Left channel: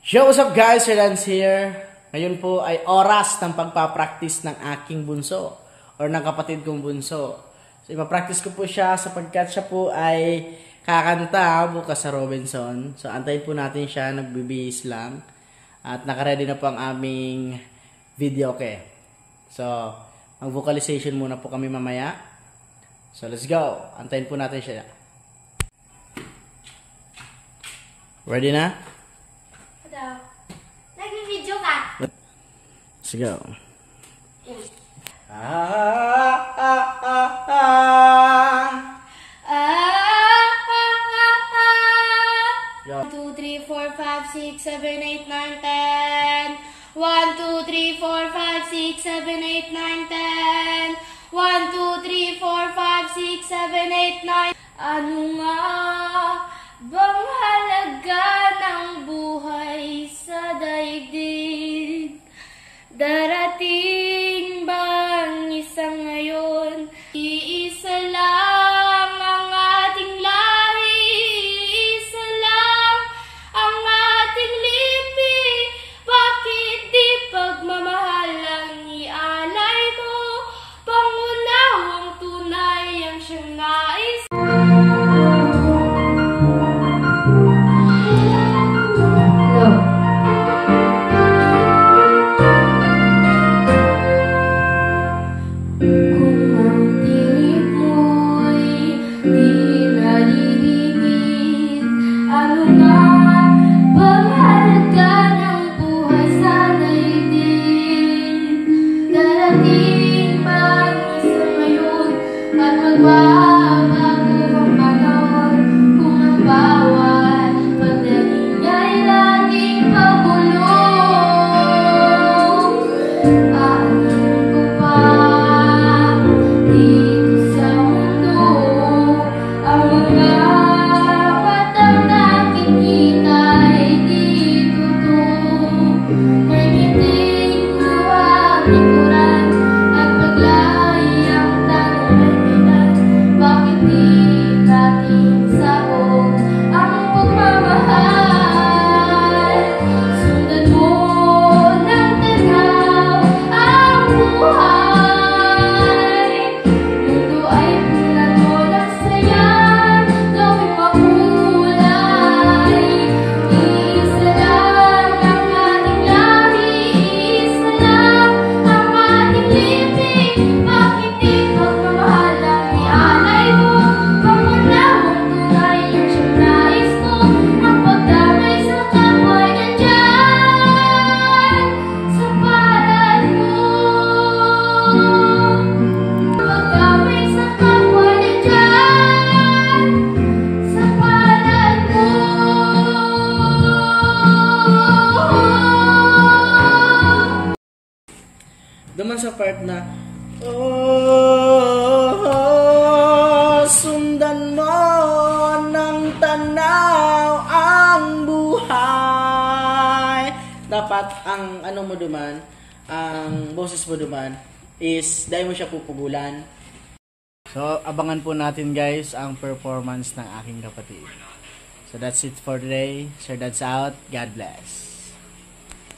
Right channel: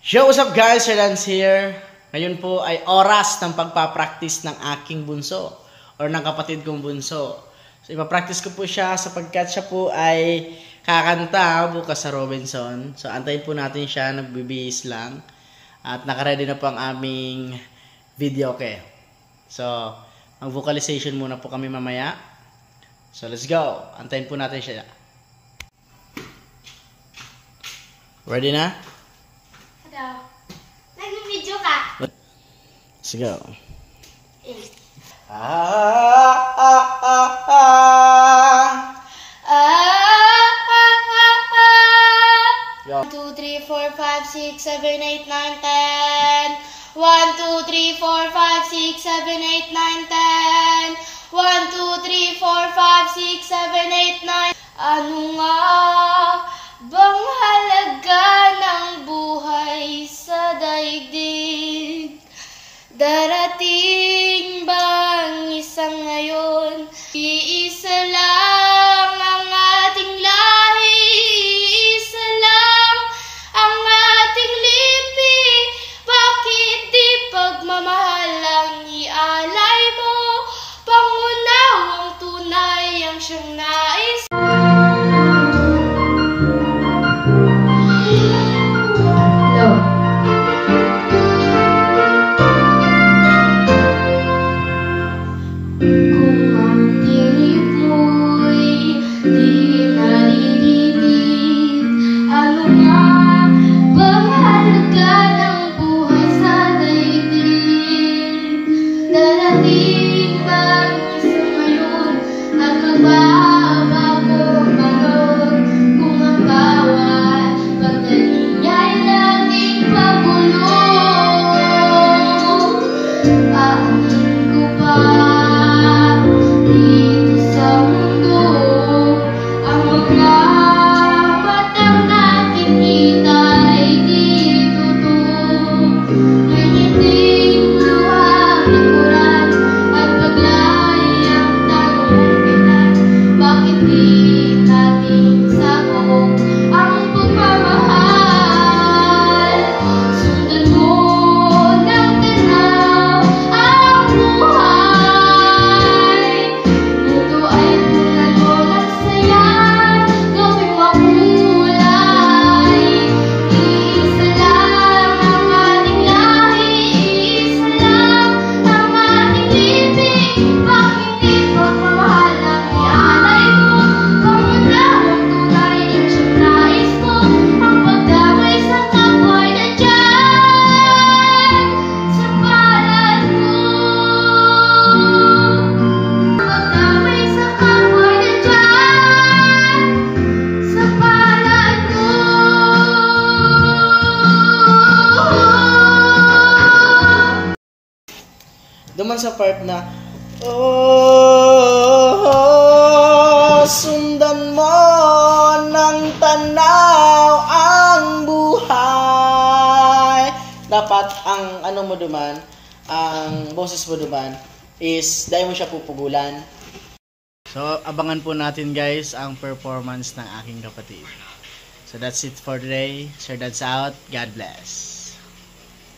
Yo, what's up guys? Sir Lance here. Ngayon po ay oras ng pagpapractice ng aking bunso or ng kapatid kong bunso. So ipapractice ko po siya sapagkat siya po ay kakanta bukas sa Robinson. So antayin po natin siya, nagbibihis lang. At nakaready na po ang aming video okay. So mag-vocalization muna po kami mamaya. So let's go. Antayin po natin siya. Ready na? Nag-video ka. Let's go. One, two, three, four, five, six, seven, eight, nine, 10. 1, 2, 3, 4, 5, 6, 7, 8, 9, 10. 1, 2, 3, 4, 5, 6, 7, 8, 9. Ano nga bang halaga ng buhay sa daigdig? Darating bang isang ngayon? Iisa lang ang ating lahi, iisa lang ang ating lipi. Bakit di pagmamahal ang ialay mo? Pangunawang tunay ang siyang nais. Duman sa part na oh, sundan mo ng tanaw ang buhay. Dapat ang ano mo duman, ang boses mo duman is dahil mo siya pupugulan. So abangan po natin guys ang performance ng aking kapatid. So that's it for today. Sir Dad's out. God bless.